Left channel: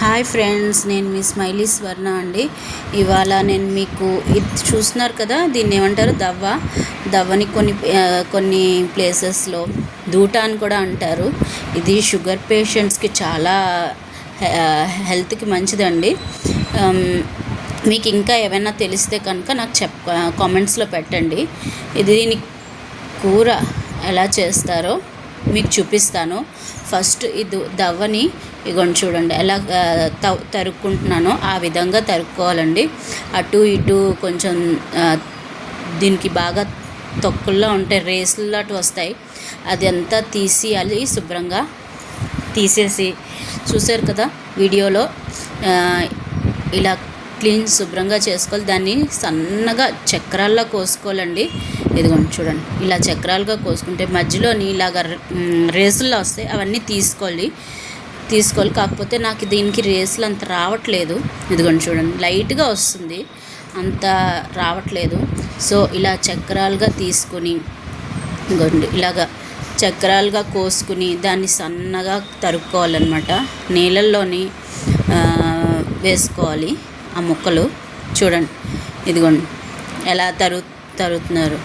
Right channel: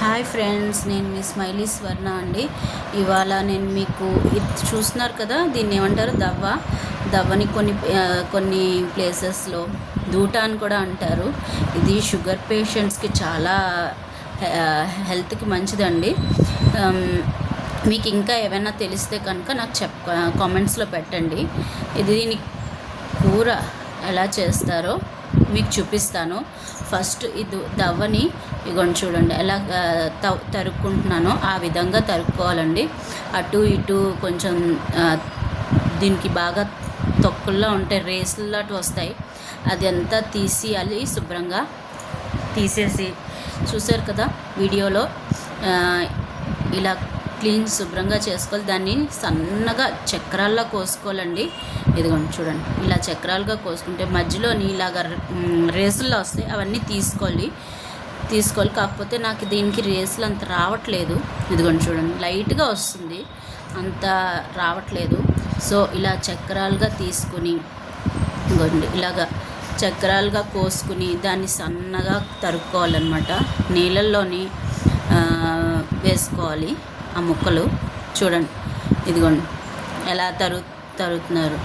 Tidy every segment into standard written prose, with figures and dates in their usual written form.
Hi friends, నేను మీ smiley స్వర్ణ అండి. ఇవాళ నేను మీకు ఇది చూస్తున్నారు కదా, దీన్ని ఏమంటారు, దవ్వని కొన్ని ప్లేసెస్లో దూట అని కూడా అంటారు. ఇది షుగర్ పేషెంట్స్కి చాలా హెల్త్కి మంచిదండి. మీకు ఇంకా ఏమైనా తెలిస్తే కనుక నాకు కామెంట్స్లో పెట్టండి. దీని కూర ఎలా చేస్తారో మీకు చూపిస్తాను. ఫస్ట్ ఇది దవ్వని ఇగోండి చూడండి ఎలా తరుక్కుంటున్నానో ఆ విధంగా తరుక్కోవాలండి. అటు ఇటు కొంచెం దీనికి బాగా తొక్కుల్లో ఉంటే రేసులాంటి వస్తాయి, అది అంతా తీసేయాలి. శుభ్రంగా తీసేసి చూసారు కదా వీడియోలో, ఇలా క్లీన్ శుభ్రంగా చేసుకోవాలి. దాన్ని సన్నగా చక్రాల్లో కోసుకోవాలండి. ఇదిగోండి చూడండి, ఇలా చక్రాలుగా కోసుకుంటే మధ్యలోని ఇలాగ రేసుల్లో వస్తాయి, అవన్నీ తీసుకోవాలి. కాకపోతే నాకు దీనికి రేసులు అంత రావట్లేదు. ఇదిగోండి చూడండి, లైట్గా వస్తుంది, అంత రావట్లేదు. సో ఇలా చక్రాలుగా తీసుకొని ఇదిగోండి ఇలాగా చక్రాలుగా కోసుకుని దాన్ని సన్నగా తరుక్కోవాలన్నమాట. నీళ్ళల్లోని వేసుకోవాలి ఆ ముక్కలు. చూడండి ఇదిగోండి ఎలా తరుగుతున్నారు.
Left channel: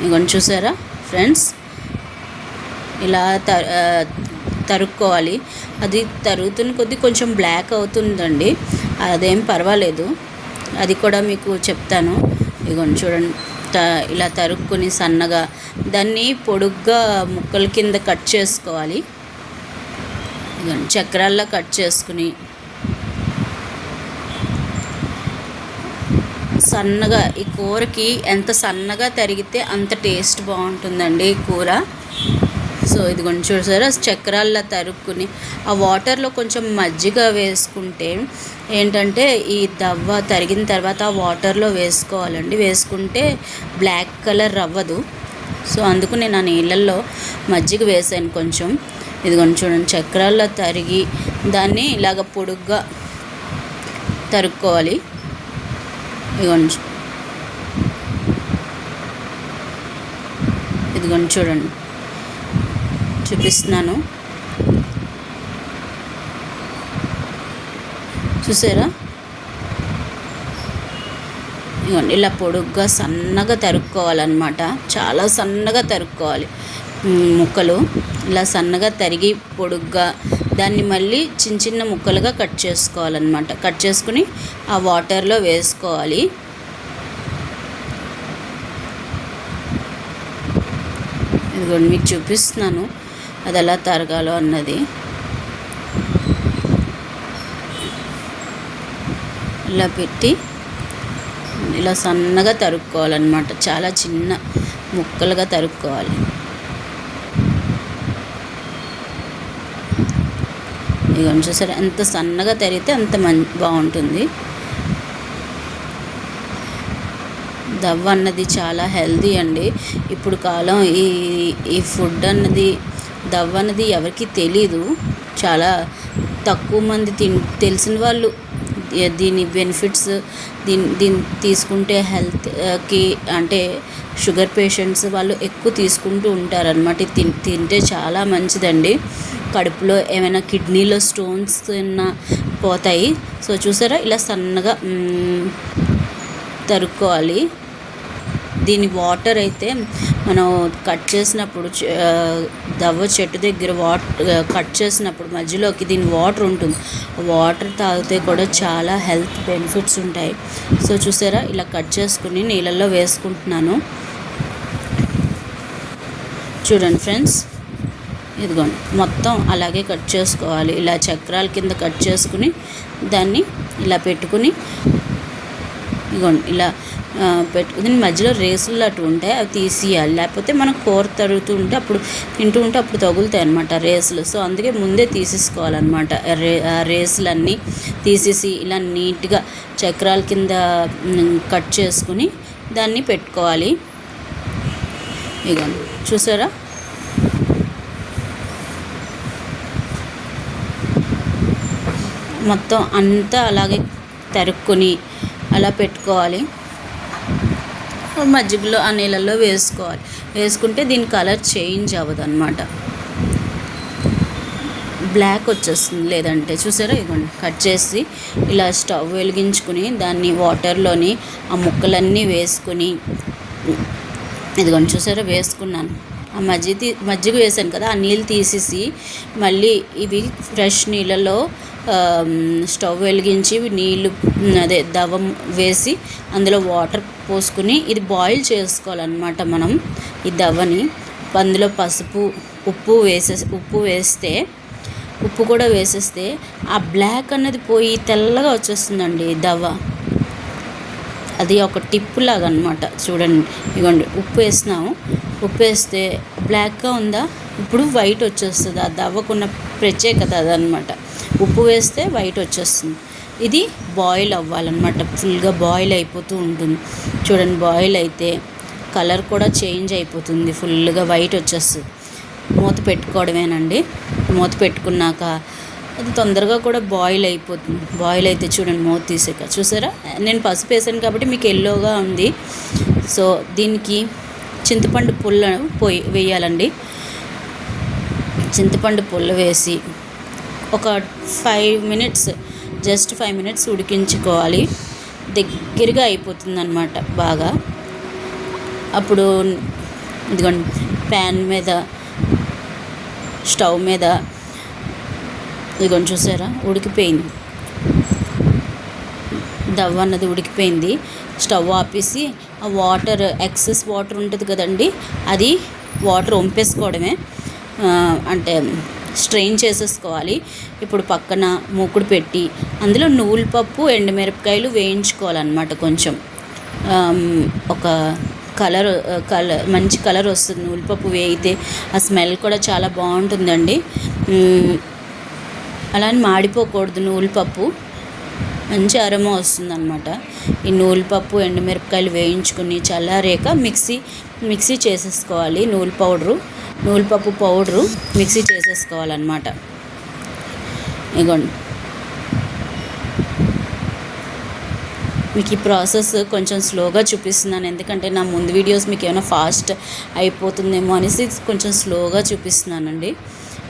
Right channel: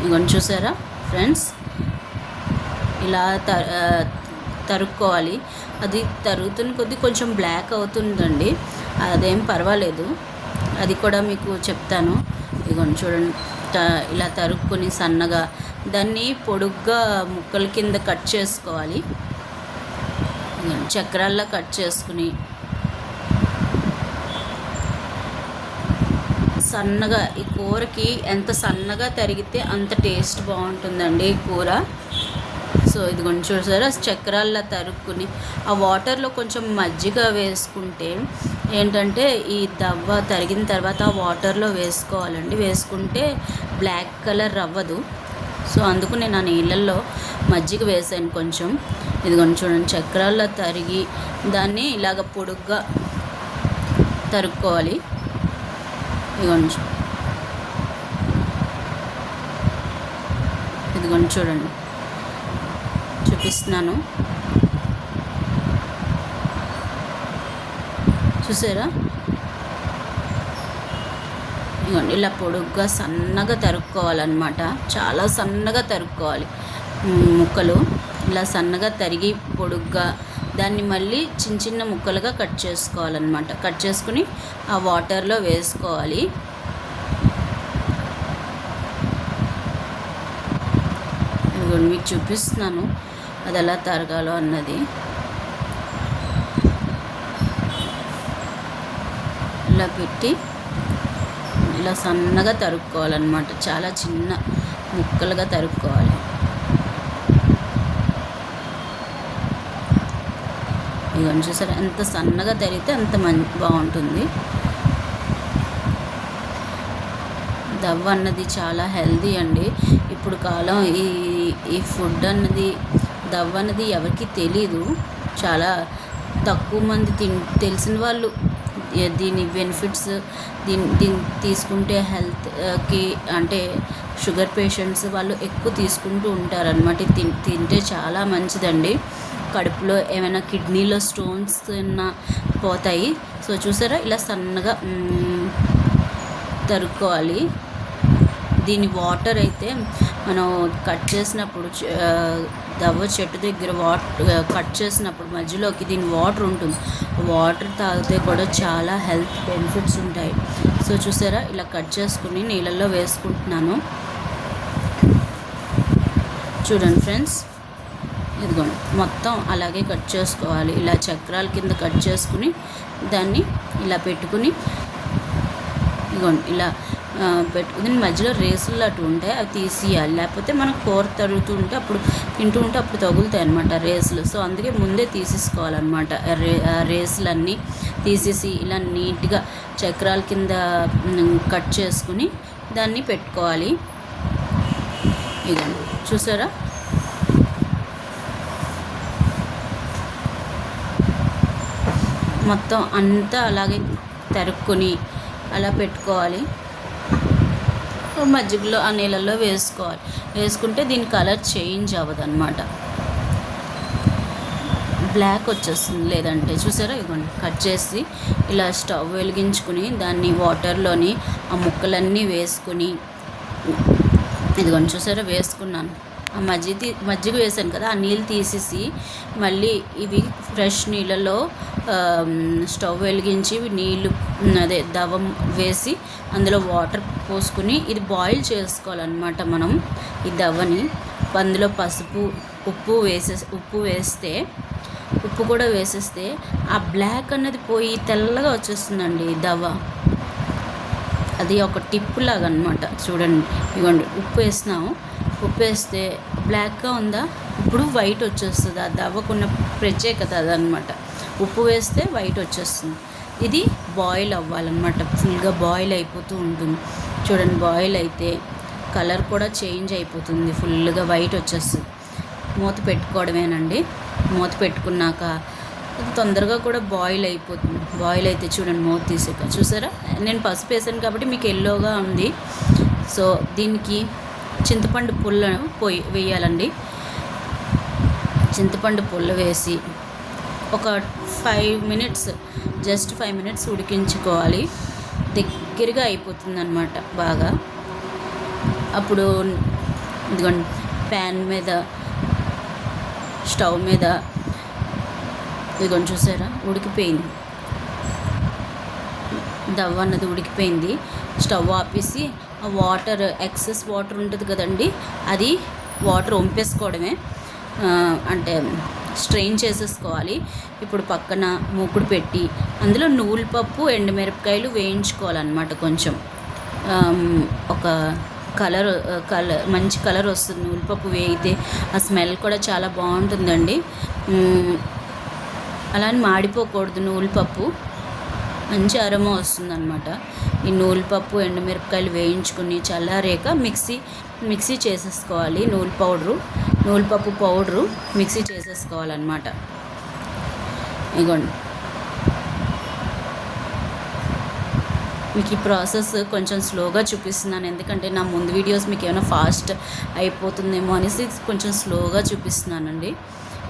ఇదిగోండి చూసారా ఫ్రెండ్స్, ఇలా తరుక్కోవాలి. అది తరుగుతున్న కొద్దీ కొంచెం బ్లాక్ అవుతుందండి, అదేం పర్వాలేదు, అది కూడా మీకు చెప్తాను. ఇదిగోండి చూడండి, ఇలా తరుక్కుని సన్నగా దాన్ని పొడుగ్గా ముక్కల కింద కట్ చేసుకోవాలి. చక్రాల్లో కట్ చేసుకుని సన్నగా, ఈ కూరకి ఎంత సన్నగా తరిగితే అంత టేస్ట్ బాగుంటుందండి ఈ కూర. సో ఇదిగోండి చూసారా, చక్రాల్లో తరుక్కుని ఆ వాటర్లో కొంచెం మజ్జిగ వేసుకుంటే ఏంటంటే, ఈ దవ్వ తరిగిన తర్వాత ఆ వాటర్లో వేసుకోవాలండి. వేసుకుంటే బ్లాక్ కలర్ అవ్వదు. సో అందుకు నేను ఆ నీళ్ళల్లో మజ్జిగ వేసాను కొంచెం. ఇదిగోండి చూడండి, చక్రాల్లో తరిగి దాన్ని ఇలాగ పొడుగ్గా తరుక్కోవాలి. ఇదిగోండి చూడండి, చూపిస్తున్నాను. చూసారా, ఇదిగోండి ఇలా పొడుగ్గా సన్నగా తరుక్కోవాలన్నమాట. చాలా సన్నగా తరుక్కోవాలి ముక్కలు. ఇలా సన్నగా తరిగి పొడుగ్గా దాన్ని మళ్ళీ చిన్న చిన్న ముక్కలుగా కట్ చేసుకోవాలన్నమాట. కట్ చేసుకుని ఆ వాటర్లో వేసుకోవాలి. ఇదిగోండి మీకు చూపిస్తున్నాను అది ఎలా తరగాలో అన్నది. ఇలా పెట్టి ఇలా సన్నగా తరుక్కోవాలన్నమాట. చాలా చిన్న ముక్కలుగా తరుక్కోవాలి. ఇదిగోండి చూసారా, ఎంత సన్నగా తరిగితే అంత బాగుంటుంది. దవ్వ అన్నది చాలా హెల్దీ అండి. ఇప్పుడు కాలం ఈ ఫుడ్ అన్నది, దవ్వ అన్నది ఎవరికి తెలీదు. చాలా తక్కువ మంది తెలిసిన వాళ్ళు దీని బెనిఫిట్స్, దీన్ని తీసుకుంటే హెల్త్కి, అంటే షుగర్ పేషెంట్స్ వాళ్ళు ఎక్కువ తీసుకుంటూ ఉంటారనమాట. తింటే చాలా మంచిదండి. కడుపులో ఏమైనా కిడ్నీలో స్టోన్స్ పోతాయి. సో చూసారా, ఇలా సన్నగా తరుక్కోవాలి. దీని వాటర్ అయితే మనం కట్ చేసినప్పుడు, దవ్వ చెట్టు దగ్గర కట్ చేసినప్పుడు మధ్యలోకి దీని వాటర్ ఉంటుంది. వాటర్ తాగితే కూడా చాలా హెల్త్ బెనిఫిట్స్ ఉంటాయి. సో చూసారా, ఇలా కట్ చేసుకుని నీళ్ళల్లో వేసుకుంటున్నాను. చూడండి ఫ్రెండ్స్, ఇదిగోండి మొత్తం అలాగే కట్ చేసుకోవాలి. ఇలా చక్రాల కింద కట్ చేసుకుని దాన్ని ఇలా పెట్టుకుని, ఇదిగోండి ఇలా పెట్టుకుని మధ్యలో రేసులు అటు ఉంటాయి, అవి తీసేయాలి. లేకపోతే మనం కూర తరుగుతూ ఉంటే అప్పుడు తింటూ ఉంటే అప్పుడు తగులుతాయి అన్నమాట రేసులు. సో అందుకే ముందే తీసేసుకోవాలన్నమాట. రేసులన్నీ తీసేసి ఇలా నీట్గా చక్రాల కింద కట్ చేసుకుని దాన్ని పెట్టుకోవాలి. ఇదిగోండి చూసారా, మొత్తం అంతా అలాగే తరుక్కుని అలా పెట్టుకోవాలి. మజ్జిగలో ఆ నీళ్ళల్లో వేసుకోవాలి. వేసుకుంటే దీని కలర్ చేంజ్ అవ్వదు అన్నమాట. బ్లాక్ వచ్చేస్తుంది. లేదంటే చూసారా, ఇదిగోండి కట్ చేసి ఇలా స్టవ్ వెలిగించుకుని దాన్ని వాటర్లోని ఆ ముక్కలన్నీ వేసుకుని, ఇదిగోండి చూసారా వేసుకున్నాను. ఆ మజ్జిగ వేసాను కదా, ఆ నీళ్ళు తీసేసి మళ్ళీ ఇవి ఫ్రెష్ నీళ్ళలో స్టవ్ వెలిగించి నీళ్ళు దవం వేసి అందులో వాటర్ పోసుకుని ఇది బాయిల్ చేసుకోవాలన్నమాట. మనం ఈ దవ్వని అందులో పసుపు ఉప్పు వేస్తే ఉప్పు కూడా వేసేస్తే ఆ బ్లాక్ అన్నది పోయి తెల్లగా వచ్చేస్తుందండి దవ్వ. అది ఒక టిప్ లాగా అనమాట. చూడండి, ఇవ్వండి ఉప్పు వేసినాము, ఉప్పు వేస్తే బ్లాక్గా ఉందా, ఇప్పుడు వైట్ వచ్చేస్తుంది. అది అవ్వకున్న ప్రత్యేకత అదనమాట. ఉప్పు వేస్తే వైట్ వచ్చేస్తుంది. ఇది బాయిల్ అవ్వాలన్నమాట. ఫుల్గా బాయిల్ అయిపోతూ ఉంటుంది. చూడండి, బాయిల్ అయితే కలర్ కూడా చేంజ్ అయిపోతుంది, ఫుల్గా వైట్ వచ్చేస్తుంది. మూత పెట్టుకోవడమేనండి. మూత పెట్టుకున్నాక అది తొందరగా కూడా బాయిల్ అయిపోతుంది. బాయిల్ అయితే చూడండి, మూత తీసాక చూసారా, నేను పసుపు వేసాను కాబట్టి మీకు ఎల్లోగా ఉంది. సో దీనికి చింతపండు పుల్ల వేయాలండి. చింతపండు పుల్ల వేసి ఒక 5 మినిట్స్, జస్ట్ 5 మినిట్స్ ఉడికించుకోవాలి. దగ్గరగా అయిపోతుంది అన్నమాట బాగా. అప్పుడు ఇదిగోండి ప్యాన్ మీద, స్టవ్ మీద ఇదిగోండి చూసారా ఉడికిపోయింది. దవ్వ అన్నది ఉడికిపోయింది. స్టవ్ ఆపేసి ఆ వాటర్, ఎక్సెస్ వాటర్ ఉంటుంది కదండి, అది వాటర్ వంపేసుకోవడమే, అంటే స్ట్రెయిన్ చేసేసుకోవాలి. ఇప్పుడు పక్కన మూకుడు పెట్టి అందులో నువ్వుల పప్పు, ఎండుమిరపకాయలు వేయించుకోవాలన్నమాట. కొంచెం ఒక కలర్ మంచి కలర్ వస్తుంది నువ్వులపప్పు వేయితే. ఆ స్మెల్ కూడా చాలా బాగుంటుందండి. అలా అని మాడిపోకూడదు నువ్వులపప్పు, మంచి అరోమా వస్తుందన్నమాట. ఈ నువ్వులపప్పు, ఎండుమిరపకాయలు వేయించుకుని చల్లారాక మిక్సీ చేసేసుకోవాలి. నువ్వులపప్పు పౌడరు మిక్సీ చేసేసుకోవాలన్నమాట. ఇగోండి, మీకు ఈ ప్రాసెస్ కొంచెం స్లోగా చూపిస్తున్నాను, ఎందుకంటే నా ముందు వీడియోస్ మీకు ఏమైనా ఫాస్ట్ అయిపోతుందేమో అనేసి కొంచెం స్లోగా చూపిస్తున్నానండి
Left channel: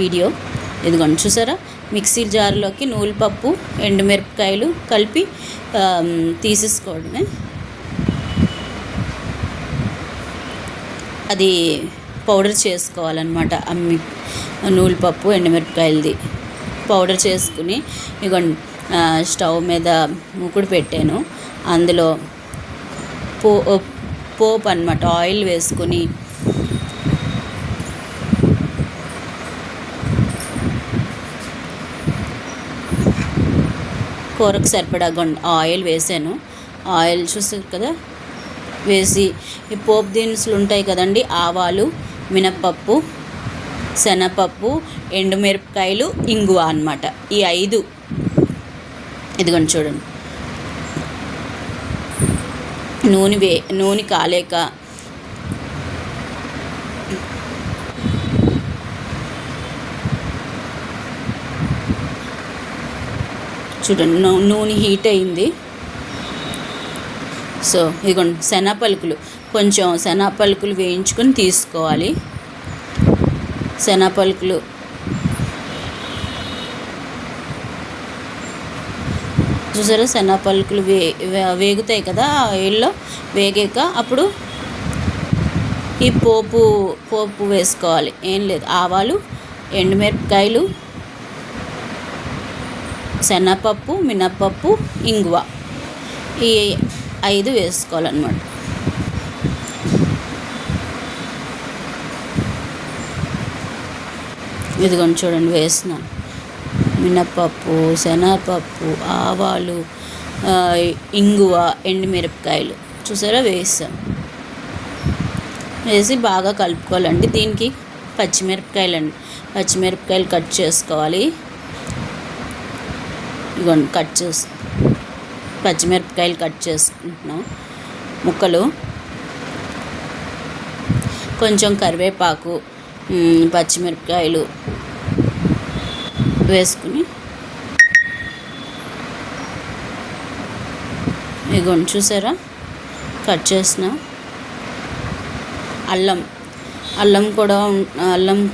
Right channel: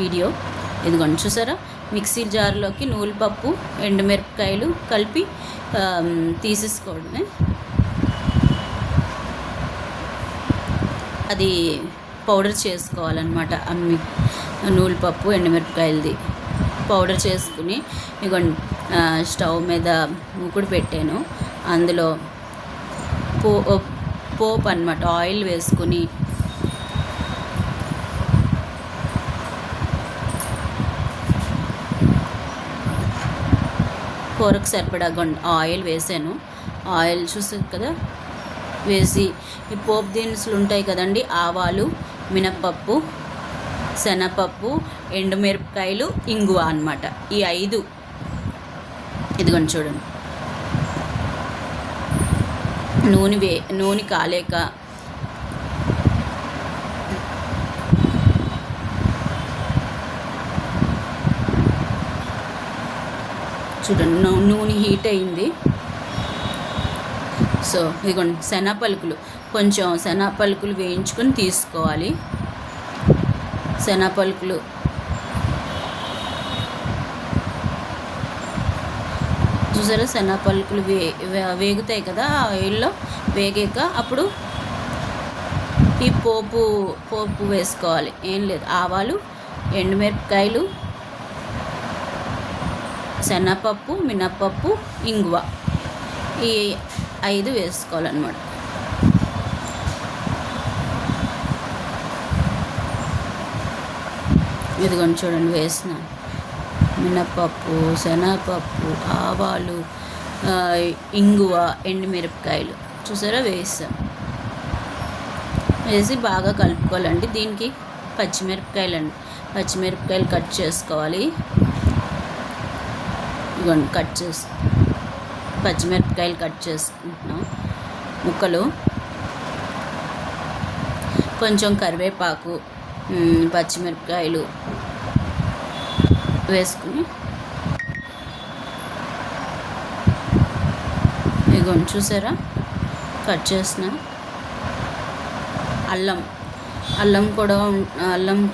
వీడియో. ఇదిగోండి చూసారా, మిక్సీ జార్లోకి నువ్వులపప్పు, ఎండుమిరపకాయలు కలిపి తీసేసుకోవడమే. అది పౌడర్ చేసుకోవాలన్నమాట. నువ్వులపప్పు, ఎండుమిరపకాయలది పౌడర్ చేసుకుని ఇదిగోండి స్టవ్ మీద మూకుడు పెట్టాను. అందులో పోపు అన్నమాట, ఆయిల్ వేసుకొని కూరకు సరిపడా ఆయిల్ వేసాను. ఆయిల్ చూసారు కదా వేసి, ఈ పోపు దినుసులు ఉంటాయి కదండి, ఆవాలు, మినప్పప్పు, శనగపప్పు, ఎండుమిరపకాయలు, ఇంగువ అన్నమాట. ఈ 5 ఇదిగోండి చూడండి. నూనె కాలేక చూడండి, నూనె హీట్ అయింది. సో ఇదిగోండి కొంచెం శనగపలుకులు వేయించుకొని తీసుకోవాలి. శనగపలుకులు చూసారా, శనగపలుకులు వేగుతాయి కదా ఆయిల్లో. వేగాక అప్పుడు ఈ పోపు వేసుకోవాలి. ఏం లేదు, ఆవాలు, ఎండుమిరపకాయలు, శనగపప్పు, మినప్పప్పు, ఇంగువ, ఈ 5 వేసుకోవాలన్నమాట. ఇదిగోండి చూడండి వేస్తున్నాను. మినప్పప్పు, శనగపప్పు, ఆవాలు, ఇంగువ, ఎండుమిరపకాయలు చూసారా వేసాం. వేసి బాగా కలుపుకోవాలండి. దీనికి పచ్చిమిరపకాయలు కట్ చేసుకోవాలి. ఇదిగోండి పచ్చిమిరపకాయలు కట్ చేసుకుంటున్నాం ముక్కలు. కొంచెం కరివేపాకు, పచ్చిమిరపకాయలు వేసుకుని ఇదిగోండి చూసారా కట్ చేసిన అల్లం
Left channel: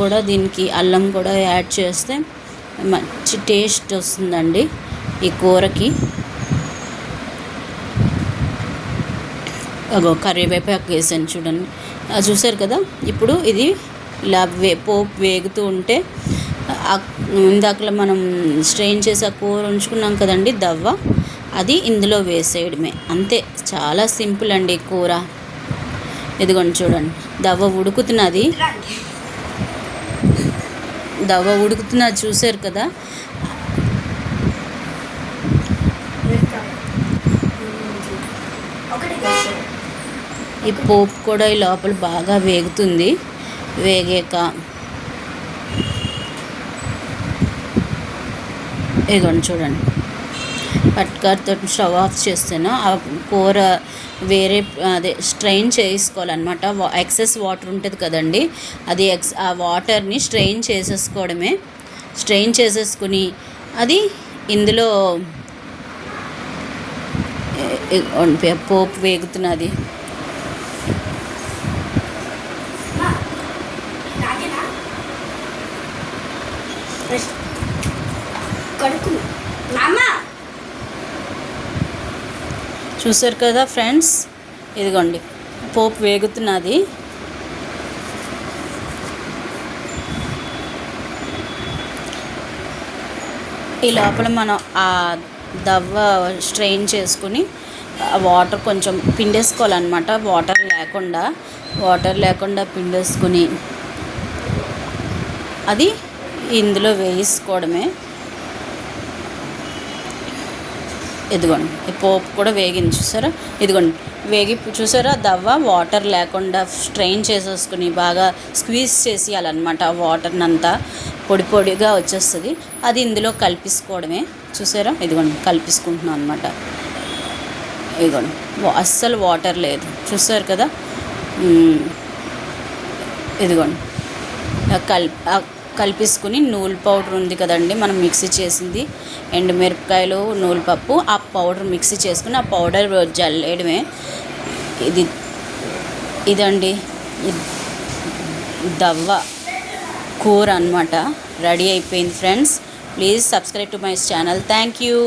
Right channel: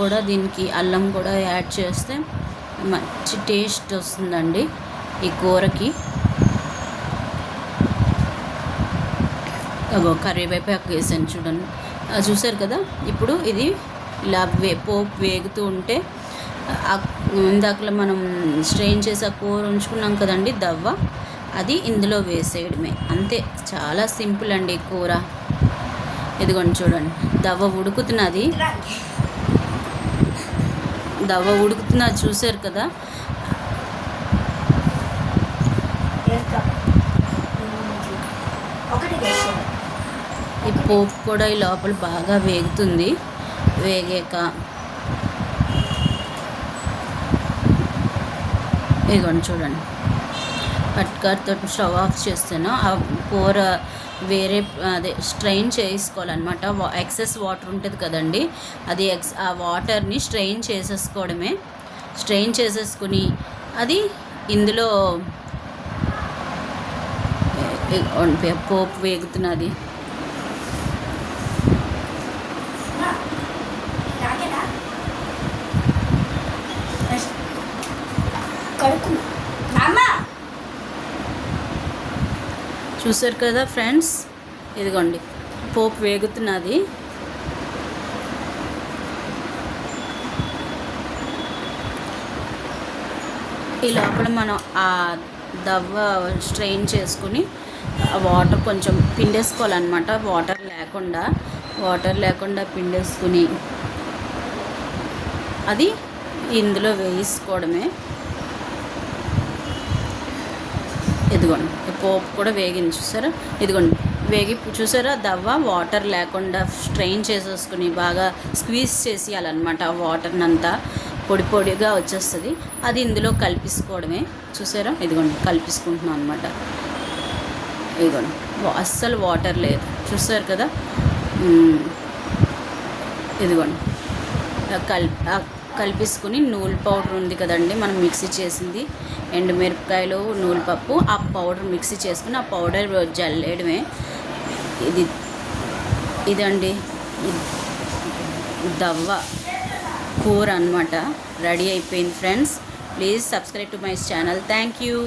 కూడా దీనికి అల్లం కూడా యాడ్ చేస్తే మంచి టేస్ట్ వస్తుందండి ఈ కూరకి. అగో కరివేపాకు వేసాను చూడండి, చూసారు కదా. ఇప్పుడు ఇది ఇలా పోపు వేగుతూ ఉంటే ఇందాకలా మనం స్ట్రెయిన్ చేసి ఆ కూర ఉంచుకున్నాం కదండి దవ్వ, అది ఇందులో వేసేయడమే, అంతే. చాలా సింపుల్ అండి కూర. ఇదిగోండి చూడండి, దవ్వ ఉడుకుతున్నది చూసారు కదా. ఈ పోపు కూడా ఈ లోపల బాగా వేగుతుంది. వేగాక ఇదిగోండి చూడండి, పట్కారతో స్టవ్ ఆఫ్ చేస్తాను. ఆ కూర వేరే స్ట్రెయిన్ చేసుకోవాలన్నమాట. ఎక్సెస్ వాటర్ ఉంటుంది కదండి, అది ఆ వాటర్ని స్ట్రెయిన్ చేసేసుకోవడమే. స్ట్రెయిన్ చేసేసుకుని అది ఇందులో పోపు వేగుతున్నది. చూసారు కదా ఫ్రెండ్స్, ఇదిగోండి పోపు వేగుతున్నది. ఈ లోపల మనం ఆ దవ్వ స్ట్రెయిన్ చేసుకుని వాటర్ కొంచెం పిండేసుకోవాలన్నమాట. వాటర్ లేకుండా పిండేసుకుని అది ఇందులో వేసుకోవడమే. ఇదిగోండి ఈ పోపు కూడా వేగింది చూసారా. ఇదిగోండి వేగి చూసారా, దవ్వ వాటర్ లేకుండా స్ట్రెయిన్ చేసేసుకుని బాగా స్క్వీజ్ చేసేయాలన్నమాట. ఆ వాటర్ని అంతా పొడి పొడిగా వచ్చేస్తుంది, అది ఇందులో కలిపేసుకోవడమే. చూసారా, ఇదిగోండి కలిపేసుకుంటున్నాం అనమాట. ఇదిగోండి అస్సలు వాటర్ లేదు, చూసారు కదా. ఇదిగోండి కలిపేసుకుని నూనె పౌడర్ ఉంది కదండి మనం మిక్సీ చేసింది, ఎండుమిరపకాయలు నూనెపప్పు, ఆ పౌడర్ మిక్సీ చేసుకుని ఆ పౌడర్ జల్లేయడమే. ఇదండి దవ్వ కూర అనమాట. రెడీ అయిపోయింది friends. Please subscribe to my channel. Thank you.